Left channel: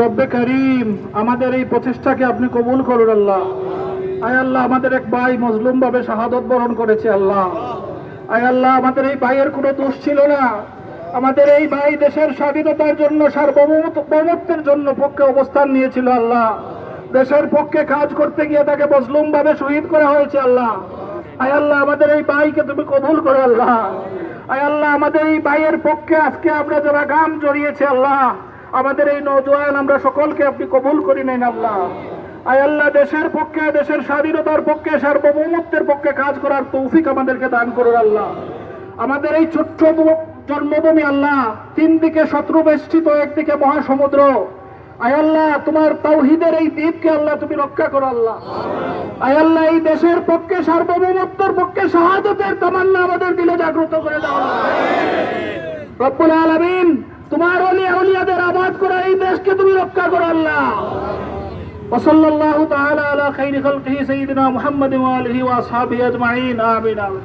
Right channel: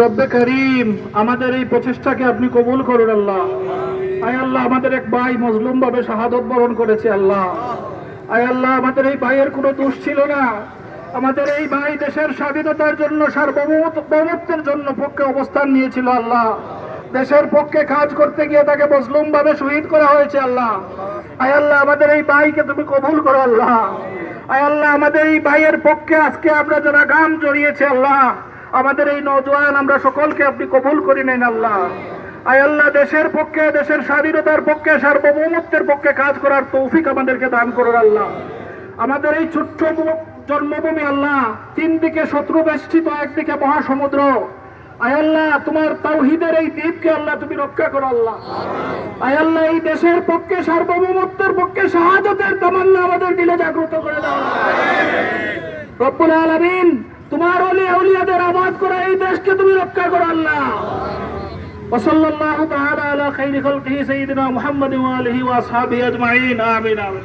রব্বে করিম, আমাদের এই প্রচেষ্টাকে আপনি কবুল করুন আল্লাহ। আয় আল্লাহ, আমাদের এক ভাই মজলুম ভাবে শাহাদত বরণ করেছে আল্লাহ। আয় আল্লাহ, আমাদের এই ভাইয়ের কোনো দোষ ছিল না। আমাদের এই ভাই দেশের স্বাধীনতার জন্য, সার্বভৌমত্বের জন্য পক্ষে অবস্থান নিয়েছিল আল্লাহ। দেশের পক্ষে কাজ করতে গিয়ে তাকে মজলুম ভাবে শহীদ করা হয়েছে আল্লাহ। আয় আল্লাহ, আমাদের এই ভাইকে তুমি কবুল করো আল্লাহ। আয় আল্লাহ, আমাদের এই ভাইয়ের পক্ষে আজকে আমরা যারা গান জড়িয়েছে আল্লাহ, আমাদের এই নওজোয়ান আমরা সকলকে আপনি কবুল করে নেন আল্লাহ। আয় আল্লাহ, দেশের পক্ষে, দেশের স্বাধীনতার পক্ষে, সার্বভৌমত্বের পক্ষে কাজ করার তৌফিক আমাদেরকে দান করুন আল্লাহ। আমাদের এই ছোট্ট জন্মভূমি আল্লাহ, তিন দিকে শত্রু বেষ্টিত, একদিকে মহাসমুদ্র। আয় আল্লাহ, তোমার তাওহীদের এই দ্বীপকে আল্লাহ তুমি রক্ষা করো আল্লাহ। আয় আল্লাহ, এই দেশের পক্ষে, সার্বভৌমত্বের পক্ষে শাহাদাতের তামান্না আমাদের দিলে জাগ্রত করে দাও রব্বুল আলামিন। তোমার আউলিয়াদের আবাদ করে এই দেশকে তুমি রক্ষা করো আল্লাহ। ওয়াসাল্লাল্লাহু তাআলা আলা খাইরি খালকিহি সাইয়্যিদিনা মুহাম্মাদিন ওয়া আলিহি ওয়া আসহাবিহি আজমাইন। আমিন আমিন।